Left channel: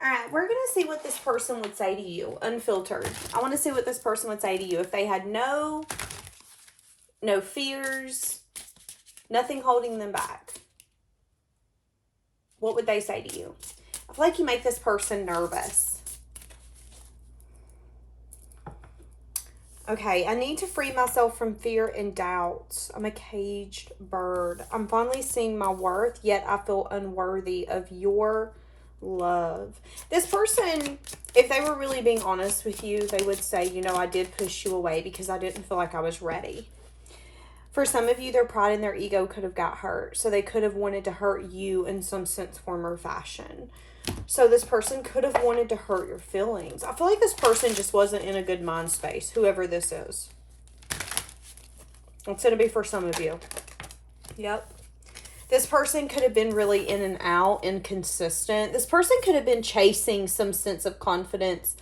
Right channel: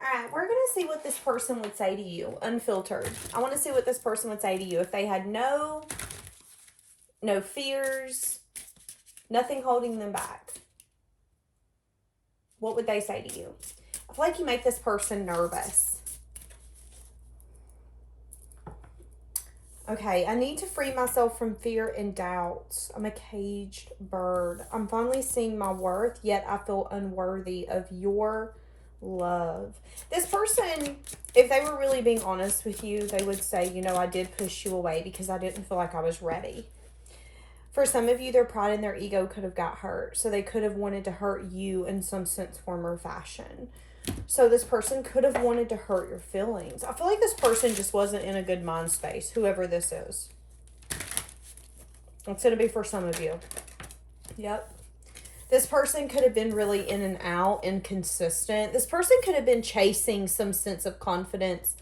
All right, we're going to see what this person would say to you, unfiltered. I want to see what this person would say to you if they had no fears, nothing holding them back. What would they say to you? I feel like you make this person nervous. Okay, I need to free myself from fear and doubts. I'm a caged bird. I'm finally seeing my worth, yet I feel unworthy of your love. This person, if they were really being honest with you, they would say, you know, I did push you away because I didn't feel like I was ready. For some of you, their pride and their ego could have got hurt. So they could have wanted to hurt you in some sense, form, or fashion. So this person could have wanted to hurt your feelings. I feel like this person just wasn't in a good mind space, whoever this is. It's going to be for some of you. Yep. This person could have been really in and out, inconsistent. This person could have been chasing some sense of confidence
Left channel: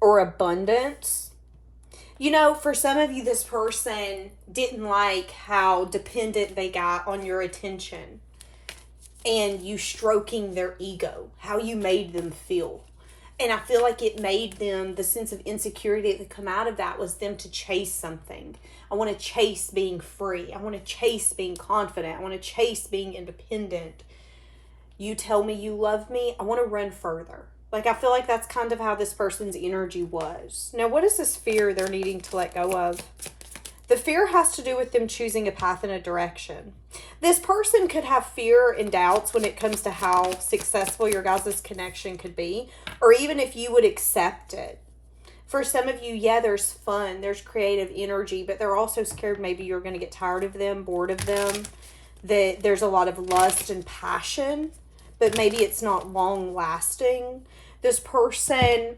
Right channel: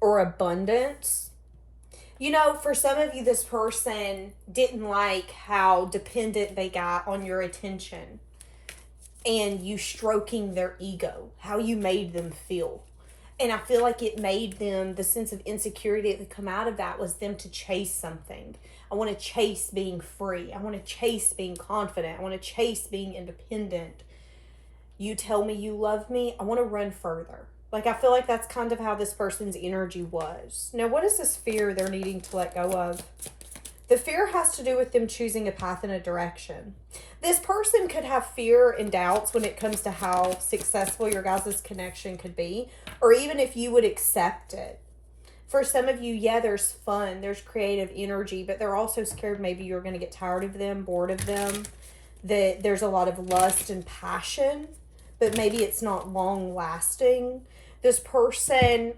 or abundance. You know, for some of you, this person didn't like how dependent they got on your attention and you stroking their ego, how you made them feel. And I feel like it made them, the sense of insecurity that come out of that was them to chase something. I want to chase being free. I want to chase being confident. I want to chase being independent. You tell me you love me. I want to run further. Like, I feel like that's kind of how this person's energy was. Now, what is this fear they're needing to let go of? The fear has to do with them choosing a path and a direction. This person could have fear and doubts when it comes to how successful your guys' connection could be, or even if you would accept it. For some of you, yeah, there's fun, there's creative energy, but they're also scared maybe you're going to get tired of them, bored of them, that there's a lot of lust and passion, but maybe it's not long lasting. This person...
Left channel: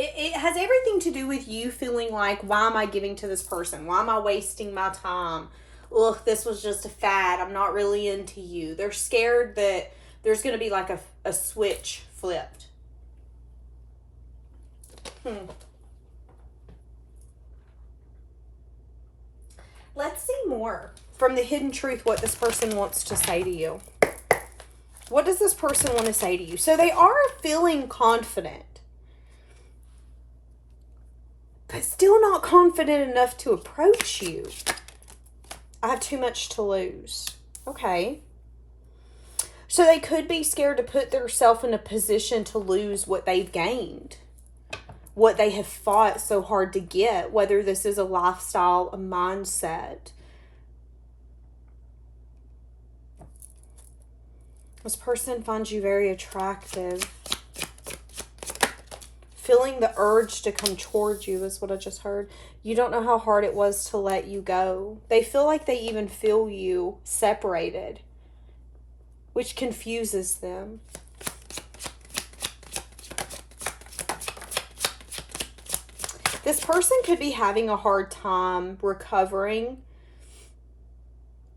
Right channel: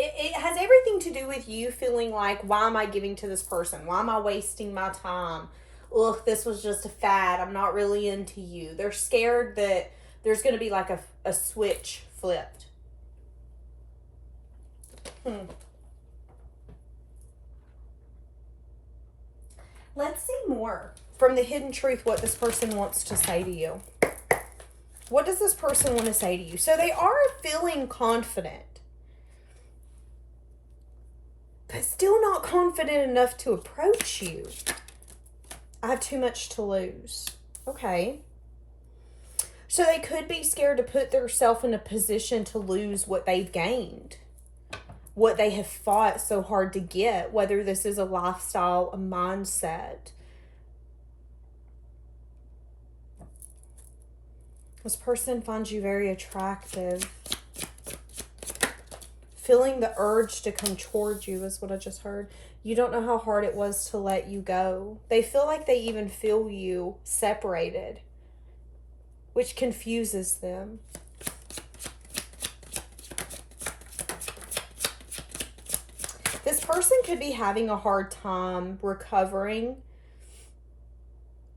It has everything to do with you feeling like, why am I giving to this person? Why am I wasting my time? Look, this was just a fad. I'm not really into you. They're scared that there's going to be like a switch flipped. Let's see more from the hidden truth what this person wants to say to you. What does this person want to say to you? So they are feeling confident, but still not confident enough to approach you. I have too much to lose. Okay. So they could be scared to put themselves in a position to lose what they've gained, what they have fought so hard to get, whether this is a lifestyle, a mindset. This person finds you very attractive. Feeling the urge to come towards you is what I just heard. You don't know how hard it was to let you go. They feel like they even feel you separated, which confuses them. This person could be having a hard time recovering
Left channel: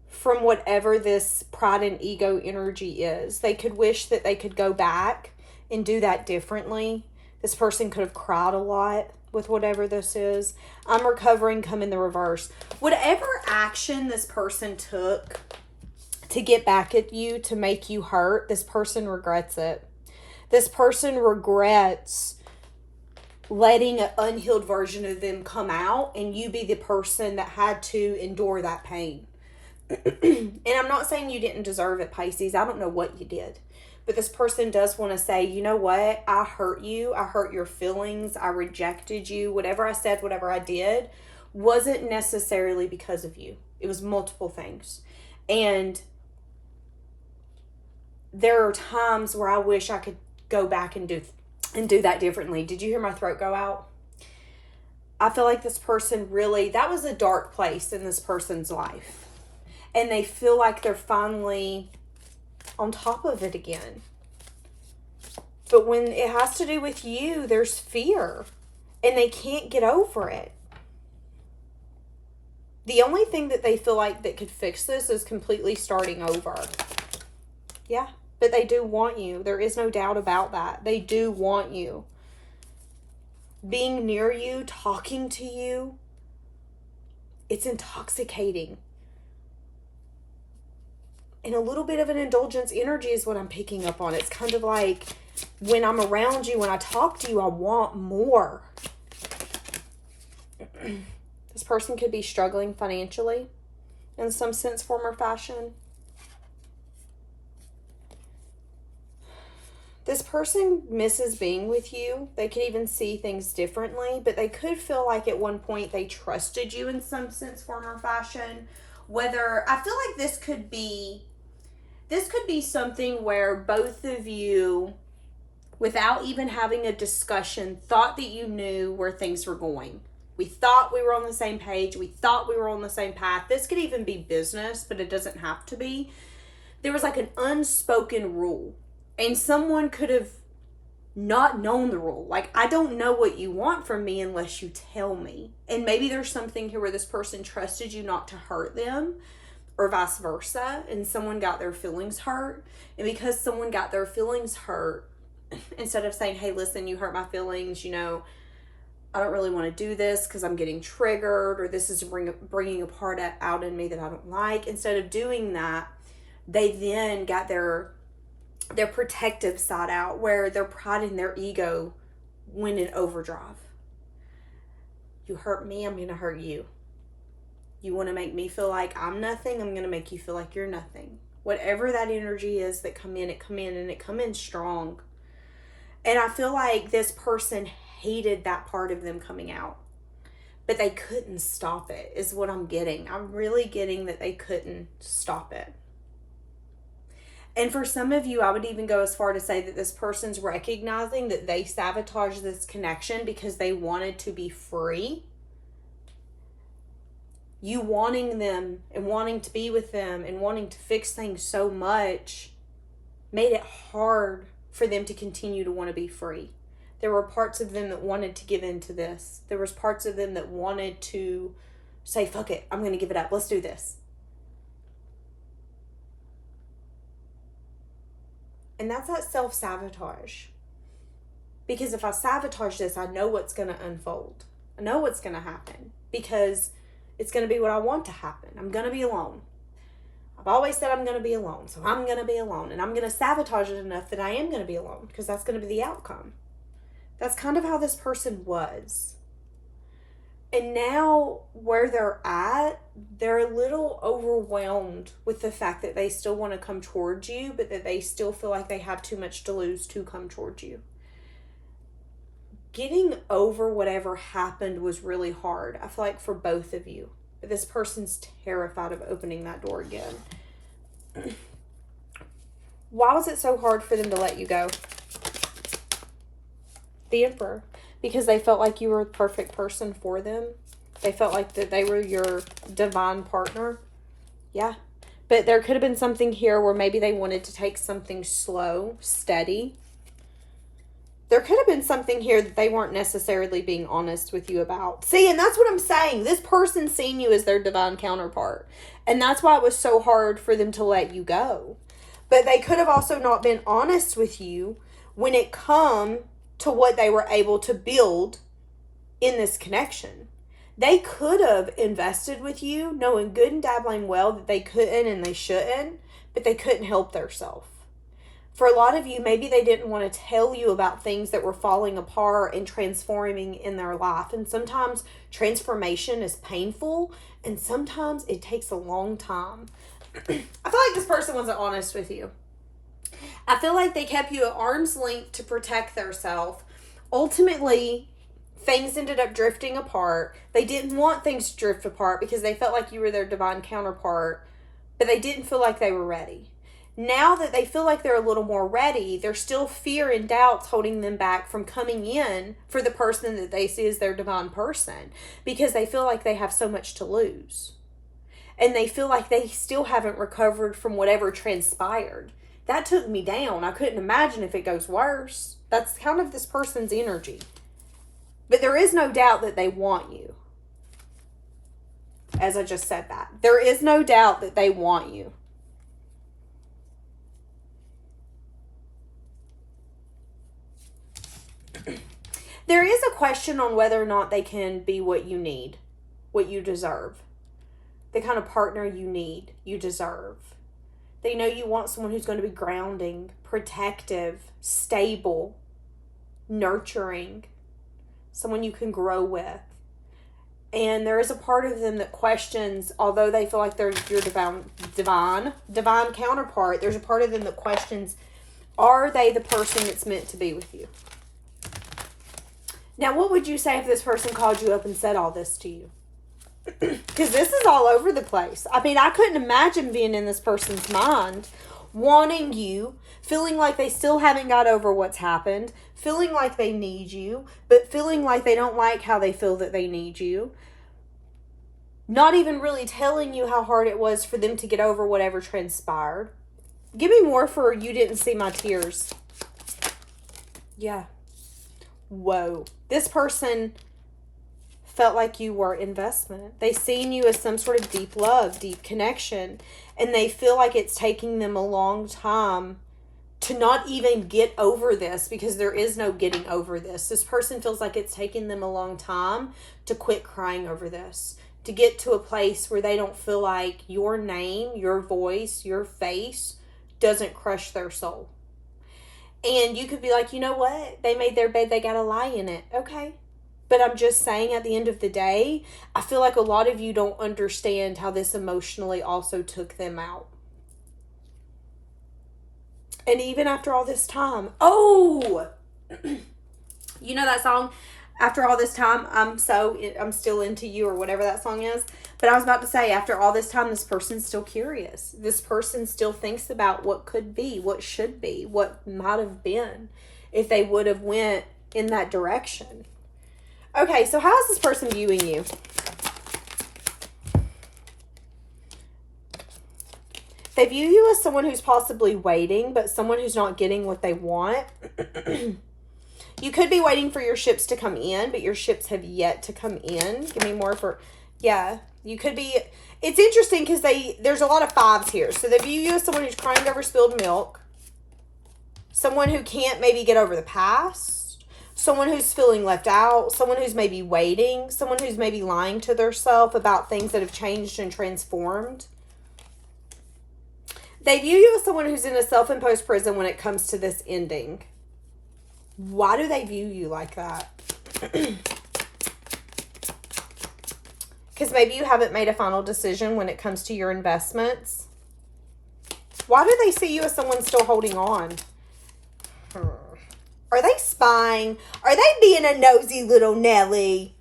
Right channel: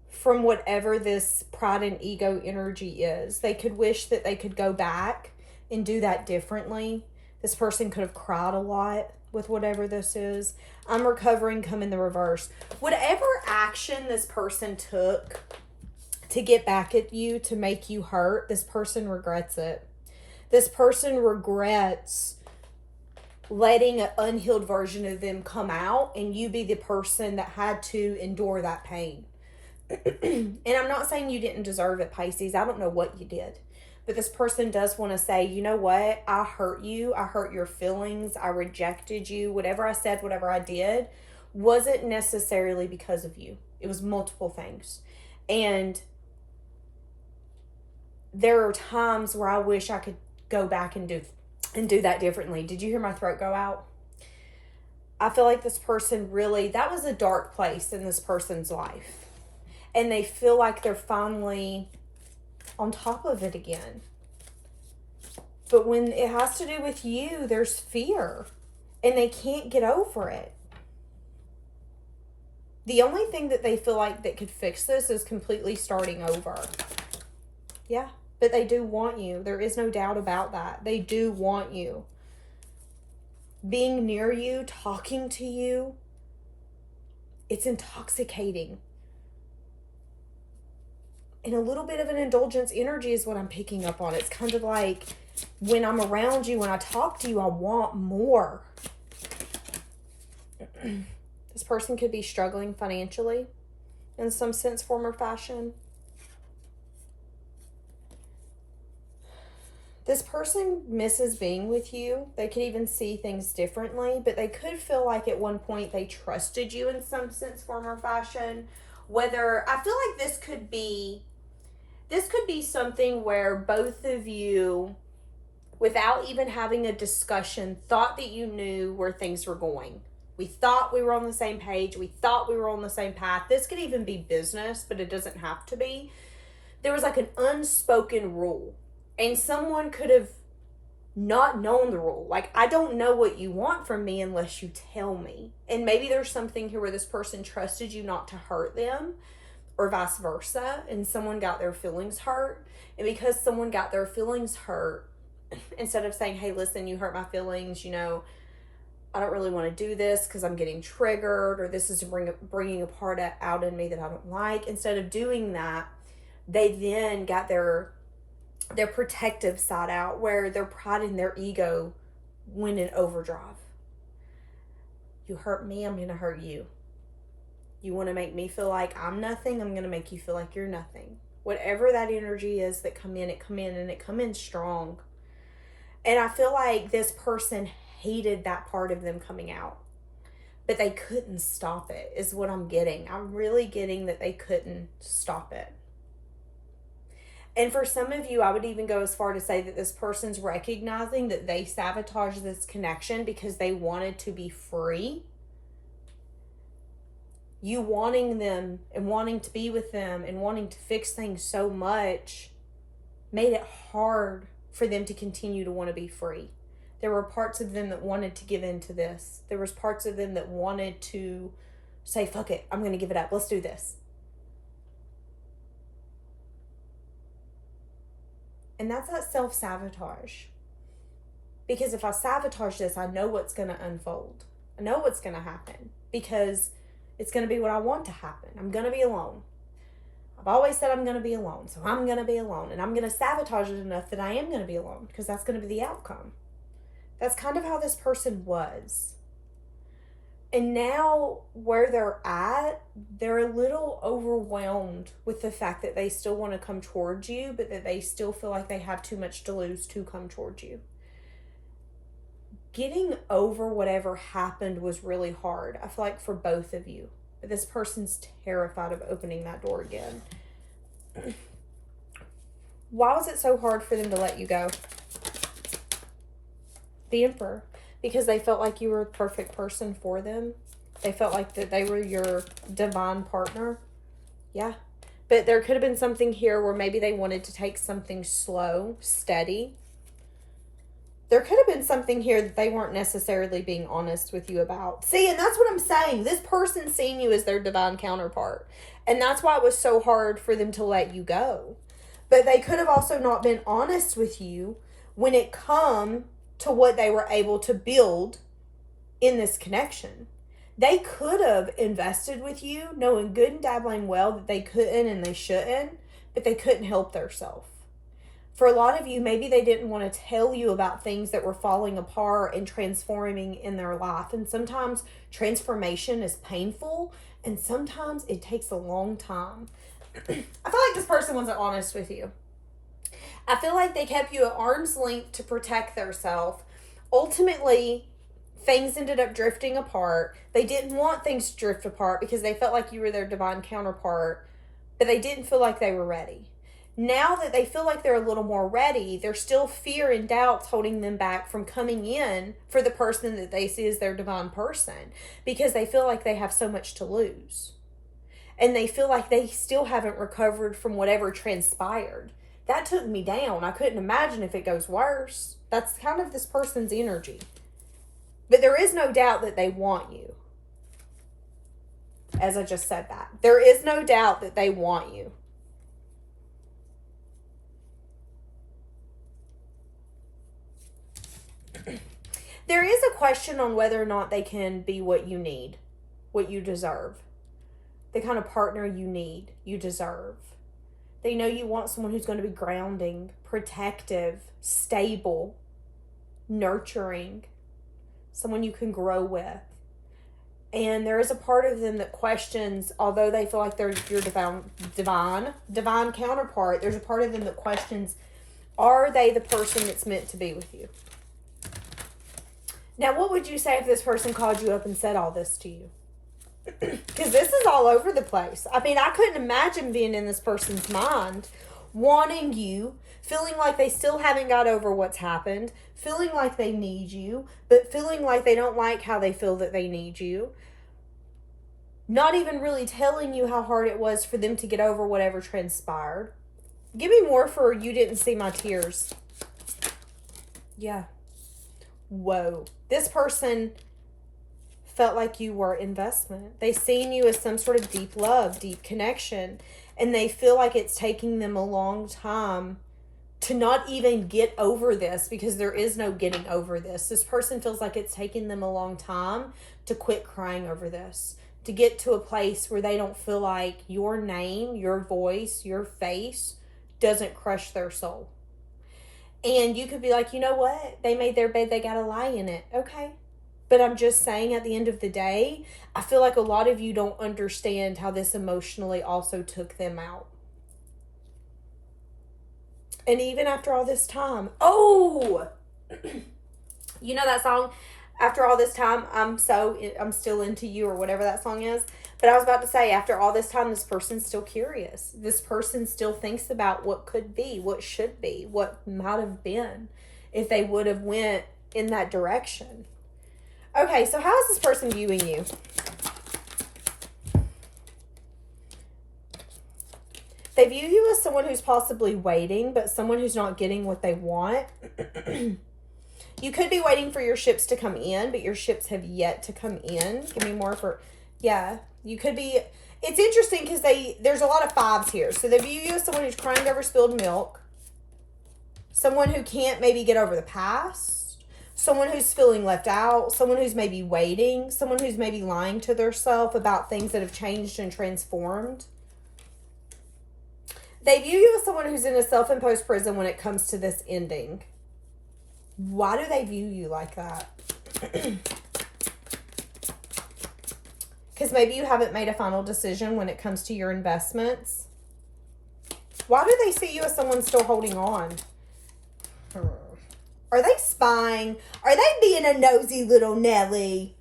from whatever this pride and ego energy is. They could wish that they could go back and do that differently. This person could have cried a lot with whatever this is. I'm recovering, come in the reverse. Whatever action this person took to get back at you, to make you hurt, this person regrets it. This person regrets letting an unhealed version of them come out and you be the person that had to endure that pain. And I'm not saying you didn't deserve it, Pisces. I don't know what you did. But this person does want to say, you know what? I hurt you. I hurt your feelings. I rejected you. Whatever I said, whatever I did, wasn't necessarily because of you. It was multiple things. And there are times where I wish I could go back and do that differently. Did you hear my throat go out? I feel like this person really, that was a dark place in this person's life. And they feel like they're finally on top of it again. But when it has to do with you, there's fear. And they can't get over it. The only thing that they feel like that could fix this is completely starting over. Yeah, but they do want you. There is no doubt about that. They do want you. Being near you, talking to you, it's intoxicating. And a little bit of an indulgence energy is what I'm picking up on. It's kind of like when I'm around you, when I talk to you, I want more. This person could be struggling financially in some sense, form, or fashion. This person misses being with you. They could even see things differently, but they could feel like at one point they trusted you in some sense, form, or fashion. Whether, I feel like this could be something where both of you, without even having a discussion, thought that you knew where things were going. We thought we were on the same page. We thought we were on the same path. This could even be business, but it doesn't have to be. There was like an unspoken rule, and someone could have not known the rule. Like, I don't know what you want from me unless you tell me. And maybe there's something here where this person trusted you not to hurt them, or vice versa, and someone got their feelings hurt. And because someone got their feelings hurt, instead of saying, hey, listen, you hurt my feelings, you know, I don't really want to do this because I'm getting triggered, or this is bringing a part out in me that I don't like. Instead of doing that, they then got their protective side out, where their pride and their ego went in overdrive. You hurt me, I'm going to hurt you. You want to make me feel like I'm nothing, I'm going to make you feel like you're nothing. Whatever that energy is that come in, and it come in strong. And I feel like this person hated that part of them coming out, but they couldn't stop it, is what I'm getting. I'm really getting that they couldn't stop it. And for some of you, I would even go as far to say that this person's recognizing that they sabotaged this connection because they wanted to be free. You wanting them and wanting to be with them and wanting to fix things so much made it hard for them to continue to want to be free. There were parts of them that wanted to give in to this. There was parts of them that wanted to say, fuck it, I'm going to give it up. Let's do this. And that's that self-sabotage. Because if I sabotage this, I know what's going to unfold. I know what's going to happen. Because it's going to be what I want to happen. I'm going to be alone. I've always said I'm going to be alone. So I'm going to be alone. And I'm going to sabotage it enough that I am going to be alone. Because that's going to be the outcome. That's kind of how this person was. And now where they're at, they're a little overwhelmed with the fact that they still want to come towards you, but that they still feel like they have too much to lose to come towards you. Getting over whatever happened was really hard, I feel like, for both of you. But this person's terrified of opening that door again. Why was it so hard for them to let you go? The Emperor. Because they felt like you were the perfect person for them. They felt like that they were your divine partner. Yeah. But there could have been something here where maybe they wanted to take something slow, steady. There could have been something here that they weren't necessarily being honest with you about. See, and that's what I'm saying. This person's seen you as their divine counterpart. And that's why it was so hard for them to let you go. But they could have also not been honest with you when it come to what they were able to build in this connection. They could have invested with you, knowing good and dabbling well that they couldn't and they shouldn't, but they couldn't help themselves. For a lot of you, maybe they didn't want to tell you about things that were falling apart and transforming in their life. And sometimes transformation is painful, and sometimes it takes a long time. I feel like this person wasn't honest with you. I feel like they kept you at arm's length to protect themselves. Ultimately, things ended up drifting apart. They didn't want things to drift apart because they felt like you were their divine counterpart, but they didn't feel like they were ready. Now that they feel like they're a little more ready, there's still fear and doubts holding them back from coming in for the person that they see as their divine person, because they feel like they have so much to lose. And they feel like they still haven't recovered from whatever transpired. That took me down. I couldn't imagine if it goes worse. That's kind of this person's energy. But there is no doubt that they want you. As I just said that. There is no doubt that they want you. There is a question on whether or not they can be what you need, what you deserve. The kind of partner you need, you deserve. They know you want someone who's going to be grounding, protective, stable, nurturing, someone you can grow with. And there is a part of them that questions, although they feel like they're your divine counterpart, there's a part of them that questions, are they the person that's meant to be with you? Now, what would you say if this person called you up and said all this to you? Because this is all over the place. I mean, I couldn't imagine being in this person's mind, wanting you, feeling like they still haven't got over what's happened, feeling like they need you, but feeling like they don't like how they feel that they need you. Not even really telling you how hard it was for them to get over whatever transpired. Give me more for you didn't see my tears. Yeah. Whoa. This person felt like you were investment. They seen you as some sort of deep love, deep connection, and they feel like it's taking them a long time to not even get over this, because there is no getting over this. This person feels like it's taking them a long time to quit crying over this, to get to a place where they don't feel like your name, your voice, your face doesn't crush their soul. And you could be like, you know what? They made their bed, they gotta lie in it. Okay. But I'm just saying, at the end of the day, I feel like a lot of you don't understand how this emotionally also took them out. And even after all this time, you know that song, After All This Time, I'm still into you, or whatever that song is. But I was about to say, after all this time, this person's still curious. This person still thinks about what could be, what should be, what might have been if they would have went in that direction. Okay, so how is this person viewing you? They view you as someone who's possibly waiting, but someone who's not getting what they want. You could be waiting for your ships to come in, but your ships have yet to come in. Give me more for... Yeah, you could be... It's interesting because there's a lot of fives here. So they view you as someone who's crying over spilled milk. Someone who can't maybe get over the past. Someone who's feeling left out. Someone who's maybe waiting. Someone who's maybe lying to themselves about things that have changed and transformed. They view you as someone who's in a self-imposed prison when it comes to this ending. Why do they view you like that? Because maybe you haven't made a final decision when it comes to your investments. Why do they see you as someone still holding on? Are they spying? Are they being a nosy little Nelly?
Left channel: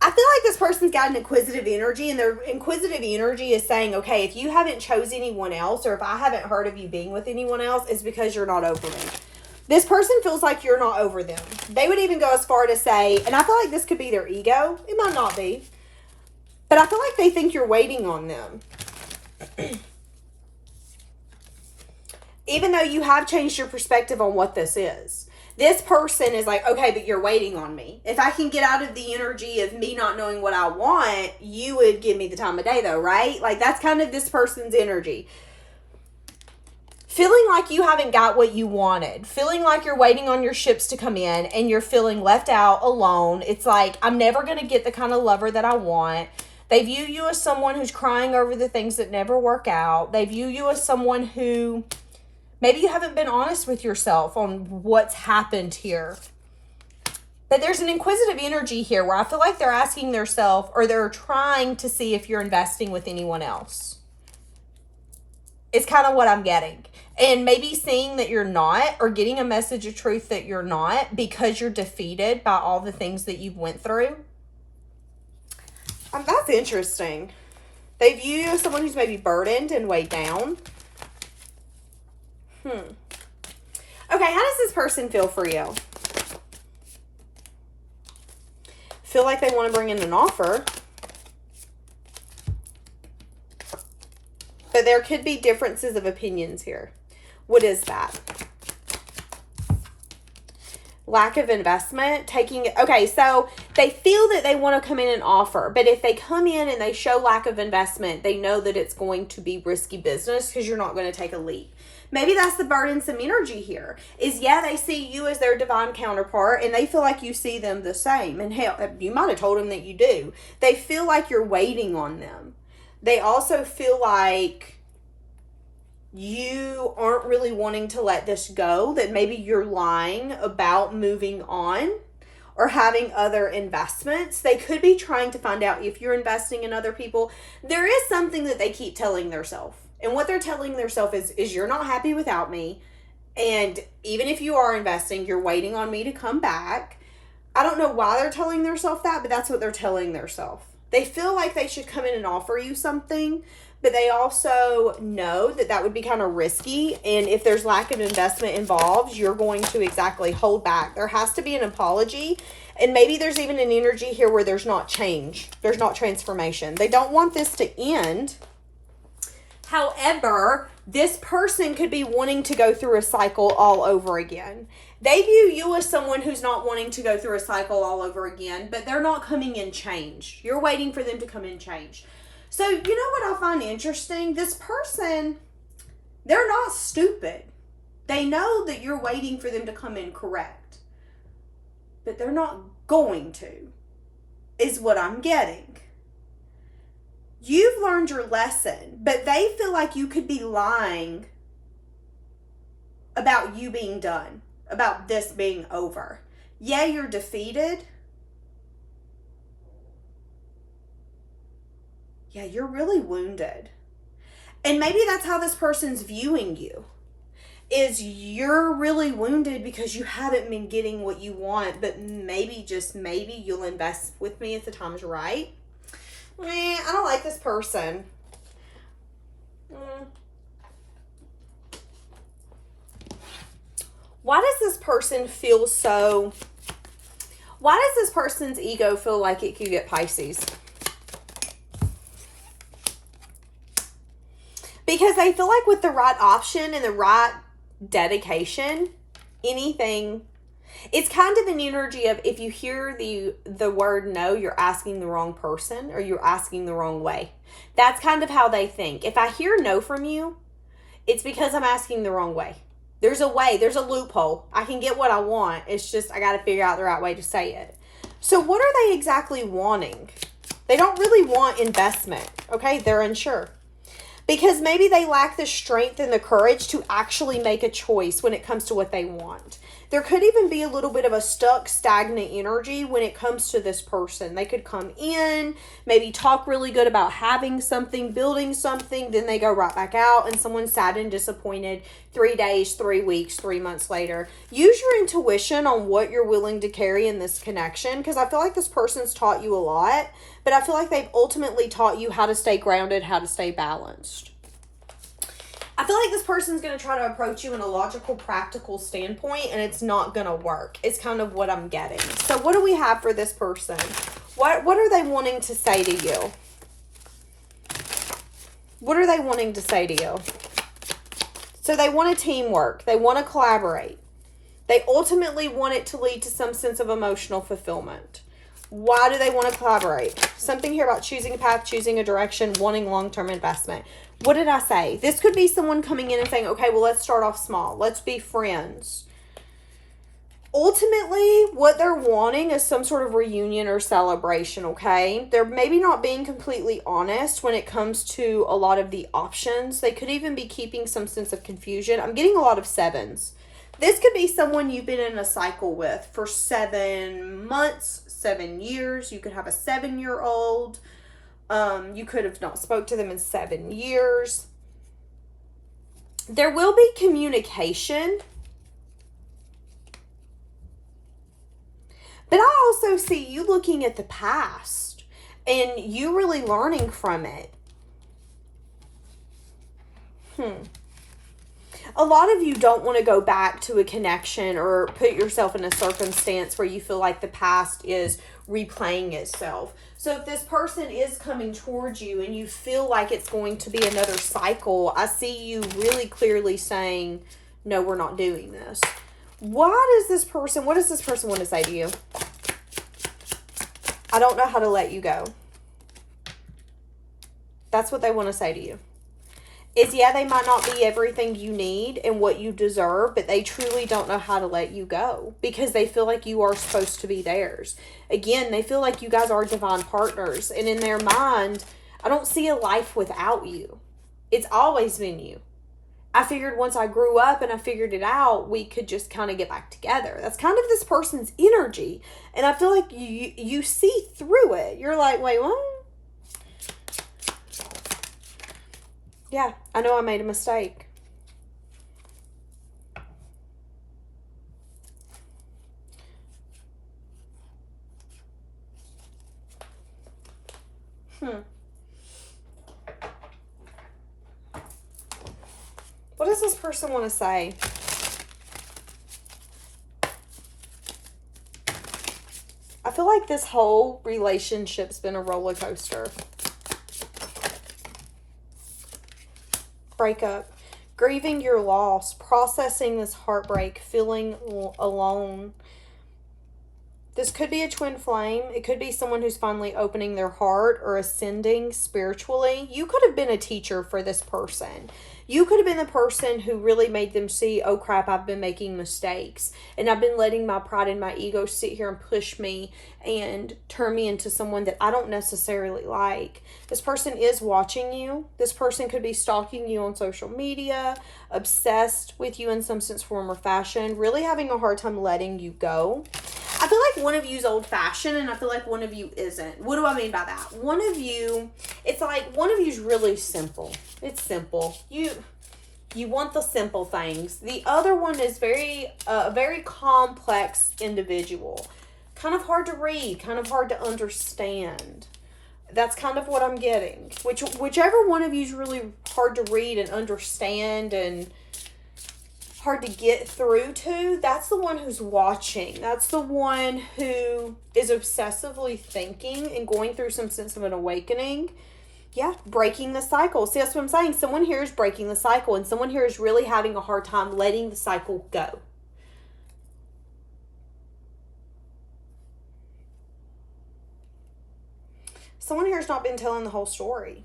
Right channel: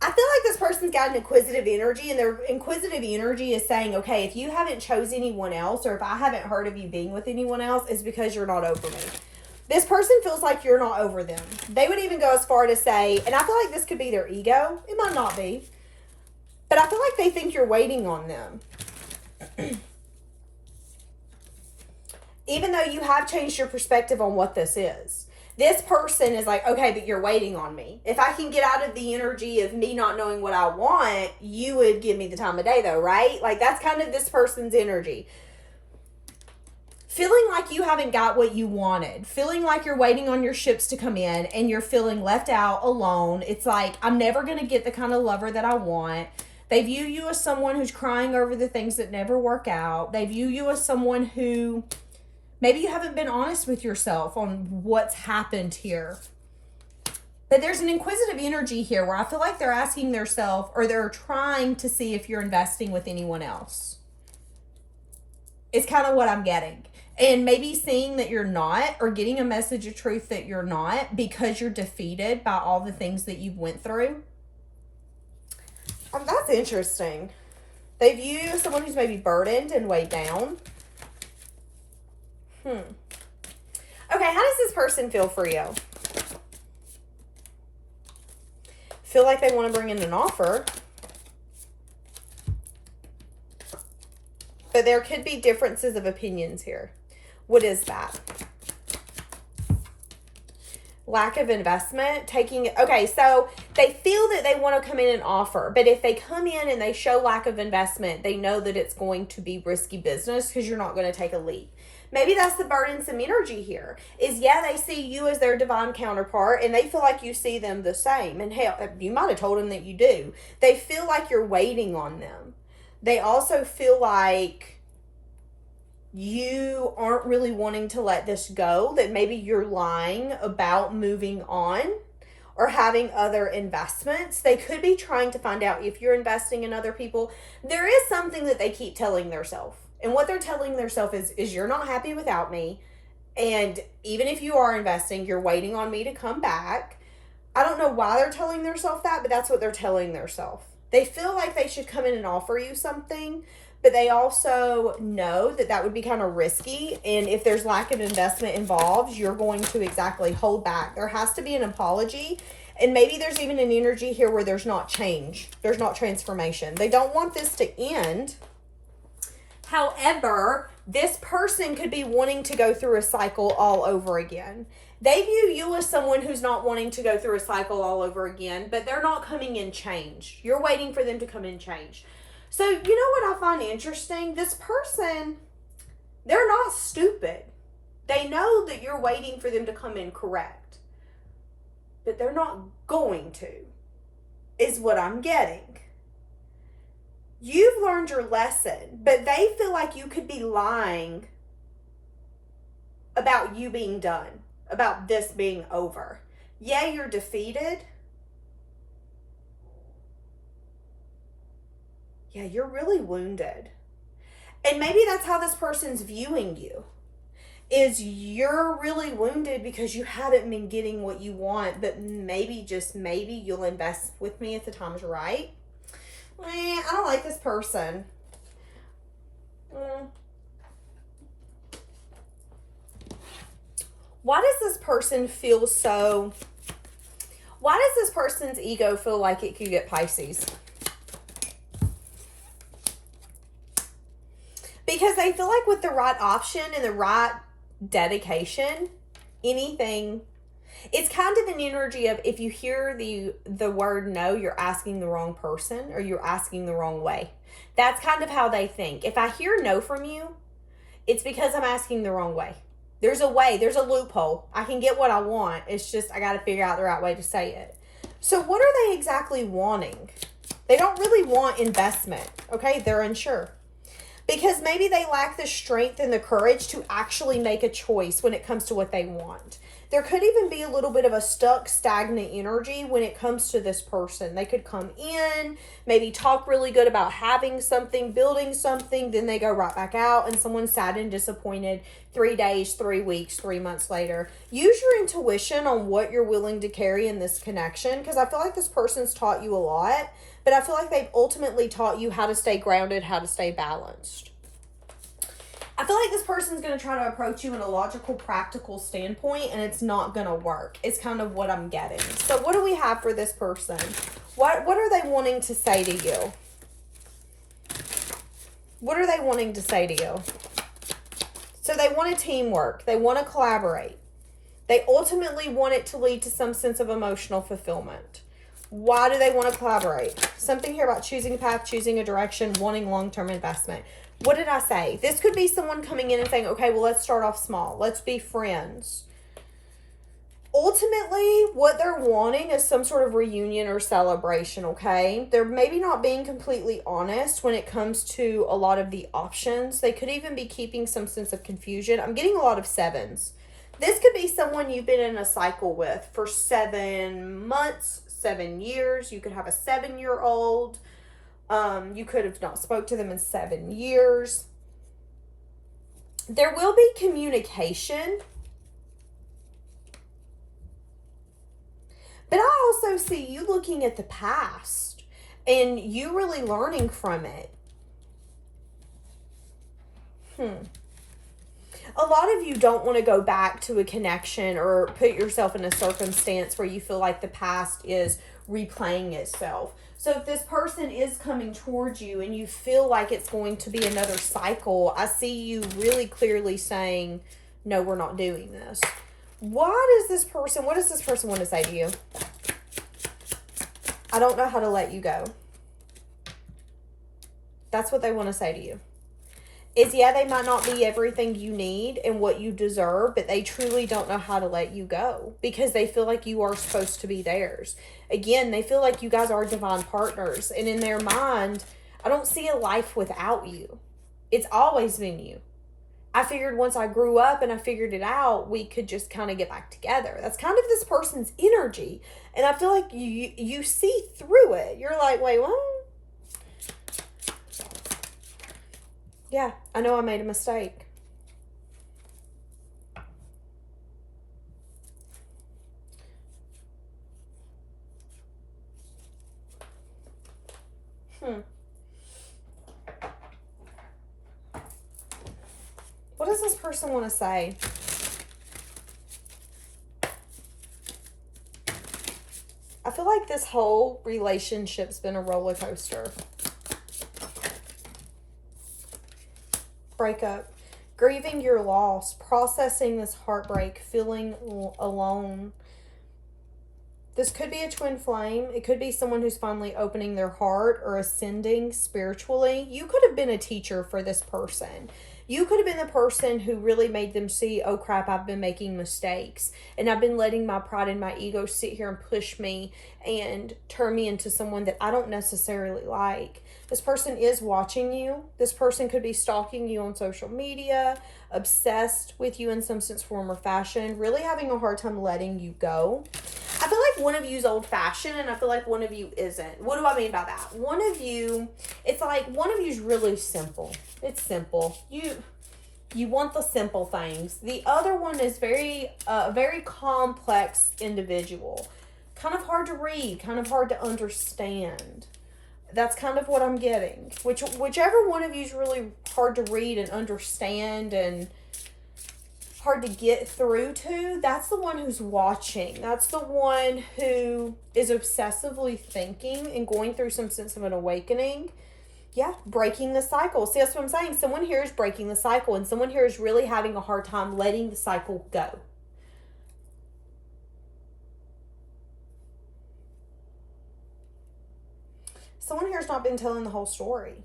I feel like this person's got an inquisitive energy, and their inquisitive energy is saying, okay, if you haven't chose anyone else, or if I haven't heard of you being with anyone else, it's because you're not over me. This person feels like you're not over them. They would even go as far to say, and I feel like this could be their ego. It might not be. But I feel like they think you're waiting on them. Even though you have changed your perspective on what this is. This person is like, okay, but you're waiting on me. If I can get out of the energy of me not knowing what I want, you would give me the time of day though, right? Like that's kind of this person's energy. Feeling like you haven't got what you wanted. Feeling like you're waiting on your ships to come in and you're feeling left out, alone. It's like, I'm never going to get the kind of lover that I want. They view you as someone who's crying over the things that never work out. They view you as someone who maybe you haven't been honest with yourself on what's happened here. But there's an inquisitive energy here where I feel like they're asking themselves, or they're trying to see if you're investing with anyone else. It's kind of what I'm getting. And maybe seeing that you're not, or getting a message of truth that you're not, because you're defeated by all the things that you've went through. That's interesting. They view you as someone who's maybe burdened and weighed down. Okay, how does this person feel for you? Feel like they want to bring in an offer. But there could be differences of opinions here. What is that? Lack of investment, okay, so they feel that they want to come in and offer, but if they come in and they show lack of investment, they know that it's going to be risky business because you're not going to take a leap. Maybe that's the burdensome energy here, is they see you as their divine counterpart and they feel like you see them the same. And hell, you might have told them that you do. They feel like you're waiting on them. They also feel like you aren't really wanting to let this go, that maybe you're lying about moving on or having other investments. They could be trying to find out if you're investing in other people. There is something that they keep telling themselves. And what they're telling themselves is you're not happy without me. And even if you are investing, you're waiting on me to come back. I don't know why they're telling themselves that, but that's what they're telling themselves. They feel like they should come in and offer you something, but they also know that that would be kind of risky. And if there's lack of investment involved, you're going to exactly hold back. There has to be an apology. And maybe there's even an energy here where there's not change. There's not transformation. They don't want this to end. However, this person could be wanting to go through a cycle all over again. They view you as someone who's not wanting to go through a cycle all over again, but they're not coming in change. You're waiting for them to come in change. So, you know what I find interesting? This person, they're not stupid. They know that you're waiting for them to come in correct. But they're not going to, is what I'm getting. You've learned your lesson, but they feel like you could be lying about you being done, about this being over. Yeah, you're defeated. Yeah, you're really wounded. And maybe that's how this person's viewing you. Is you're really wounded because you haven't been getting what you want, but maybe, just maybe, you'll invest with me if the time's right. I don't like this person. Why does this person feel so... Why does this person's ego feel like it could get Pisces? Because they feel like with the right option and the right dedication, anything... It's kind of an energy of, if you hear the word no, you're asking the wrong person or you're asking the wrong way. That's kind of how they think. If I hear no from you, it's because I'm asking the wrong way. There's a way, there's a loophole. I can get what I want. It's just I got to figure out the right way to say it. So what are they exactly wanting? They don't really want investment, okay? They're unsure. Because maybe they lack the strength and the courage to actually make a choice when it comes to what they want. There could even be a little bit of a stuck, stagnant energy when it comes to this person. They could come in, maybe talk really good about having something, building something, then they go right back out and someone's sad and disappointed 3 days, 3 weeks, 3 months later. Use your intuition on what you're willing to carry in this connection, because I feel like this person's taught you a lot, but I feel like they've ultimately taught you how to stay grounded, how to stay balanced. I feel like this person's going to try to approach you in a logical, practical standpoint, and it's not going to work. It's kind of what I'm getting. So what do we have for this person? What are they wanting to say to you? What are they wanting to say to you? So they want a teamwork. They want to collaborate. They ultimately want it to lead to some sense of emotional fulfillment. Why do they want to collaborate? Something here about choosing a path, choosing a direction, wanting long-term investment. What did I say? This could be someone coming in and saying, okay, well, let's start off small. Let's be friends. Ultimately, what they're wanting is some sort of reunion or celebration, okay? They're maybe not being completely honest when it comes to a lot of the options. They could even be keeping some sense of confusion. I'm getting a lot of 7s. This could be someone you've been in a cycle with for 7 months, 7 years. You could have a 7-year-old. You could have not spoke to them in 7 years. There will be communication. But I also see you looking at the past and you really learning from it. A lot of you don't want to go back to a connection or put yourself in a circumstance where you feel like the past is replaying itself. So if this person is coming towards you and you feel like it's going to be another cycle, I see you really clearly saying, no, we're not doing this. What does this person want to say to you? I don't know how to let you go. That's what they want to say to you. Is, yeah, they might not be everything you need and what you deserve, but they truly don't know how to let you go because they feel like you are supposed to be theirs. Again, they feel like you guys are divine partners, and in their mind, I don't see a life without you. It's always been you. I figured once I grew up and I figured it out, we could just kind of get back together. That's kind of this person's energy. And I feel like you see through it. You're like, wait, what? Yeah, I know I made a mistake. What does this person want to say? I feel like this whole relationship's been a roller coaster. Breakup. Grieving your loss. Processing this heartbreak. Feeling alone. This could be a twin flame. It could be someone who's finally opening their heart or ascending spiritually. You could have been a teacher for this person. You could have been the person who really made them see, oh crap, I've been making mistakes. And I've been letting my pride and my ego sit here and push me and turn me into someone that I don't necessarily like. This person is watching you. This person could be stalking you on social media, obsessed with you in some sense, form, or fashion, really having a hard time letting you go. I feel like one of you is old-fashioned, and I feel like one of you isn't. What do I mean by that? One of you, it's like one of you is really simple. It's simple. You want the simple things. The other one is very complex individual. Kind of hard to read, kind of hard to understand. That's kind of what I'm getting. Whichever one of you is really hard to read and understand and hard to get through to, that's the one who's watching. That's the one who is obsessively thinking and going through some sense of an awakening. Yeah, breaking the cycle. See, that's what I'm saying. Someone here is breaking the cycle, and someone here is really having a hard time letting the cycle go. Someone here has not been telling the whole story.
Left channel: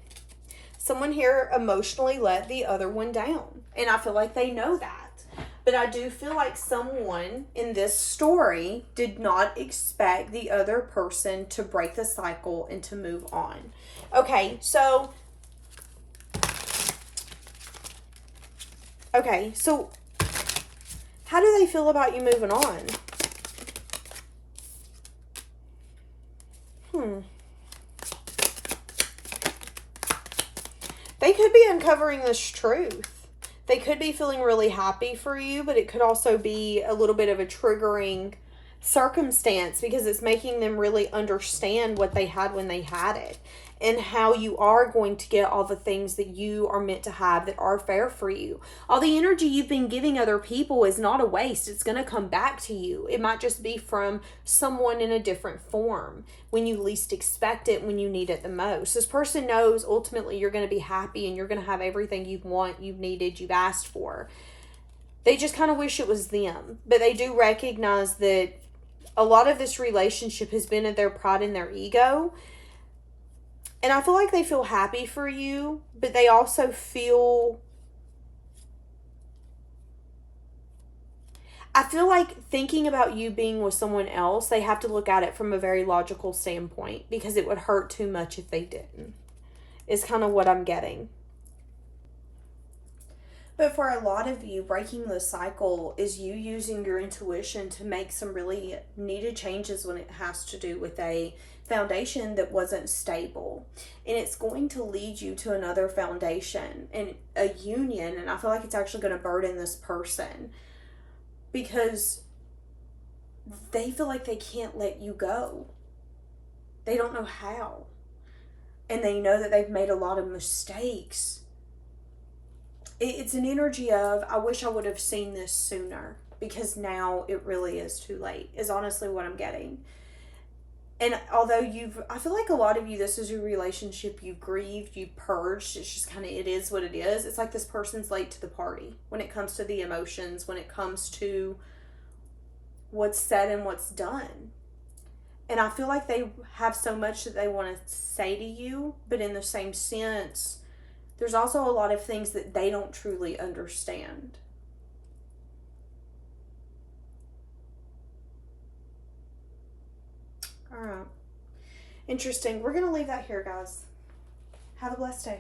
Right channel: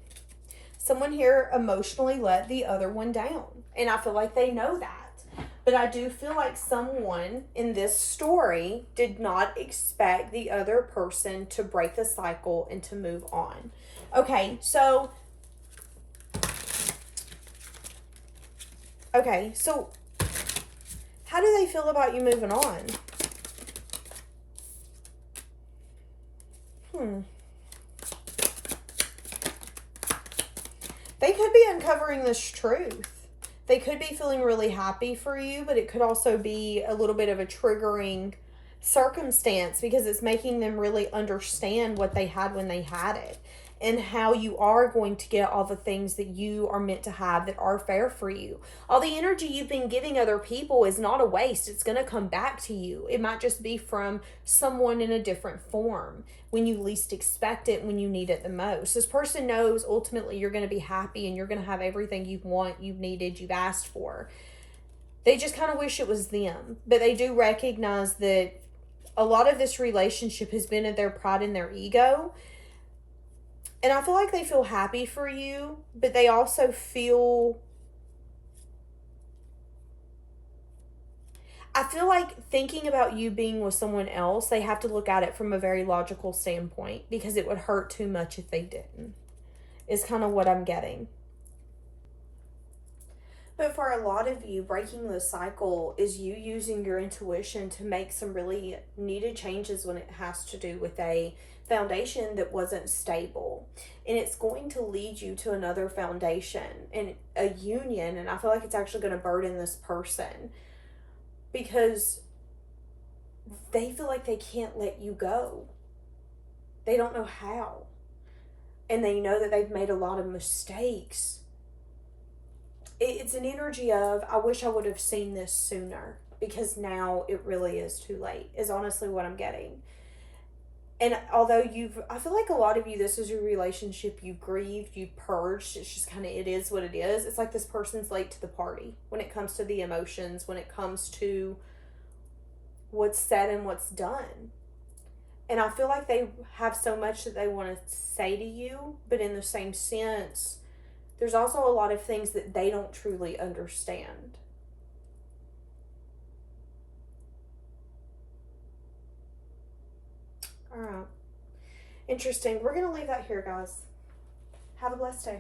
Someone here emotionally let the other one down, and I feel like they know that. But I do feel like someone in this story did not expect the other person to break the cycle and to move on. Okay, so how do they feel about you moving on? They could be uncovering this truth. They could be feeling really happy for you, but it could also be a little bit of a triggering circumstance because it's making them really understand what they had when they had it and how you are going to get all the things that you are meant to have that are fair for you. All the energy you've been giving other people is not a waste. It's going to come back to you. It might just be from someone in a different form when you least expect it, when you need it the most. This person knows ultimately you're going to be happy and you're going to have everything you want, you've needed, you've asked for. They just kind of wish it was them, but they do recognize that a lot of this relationship has been in their pride and their ego. And I feel like they feel happy for you, but they also feel... I feel like thinking about you being with someone else, they have to look at it from a very logical standpoint because it would hurt too much if they didn't, is kind of what I'm getting. But for a lot of you, breaking the cycle is you using your intuition to make some really needed changes when it has to do with a foundation that wasn't stable. And it's going to lead you to another foundation and a union. And I feel like it's actually going to burden this person because they feel like they can't let you go. They don't know how. And they know that they've made a lot of mistakes. It's an energy of, I wish I would have seen this sooner because now it really is too late, is honestly what I'm getting. And although I feel like a lot of you, this is your relationship, you grieved, you purged, it's just kind of, it is what it is. It's like this person's late to the party when it comes to the emotions, when it comes to what's said and what's done. And I feel like they have so much that they want to say to you, but in the same sense, there's also a lot of things that they don't truly understand. All right. Interesting. We're going to leave that here, guys. Have a blessed day.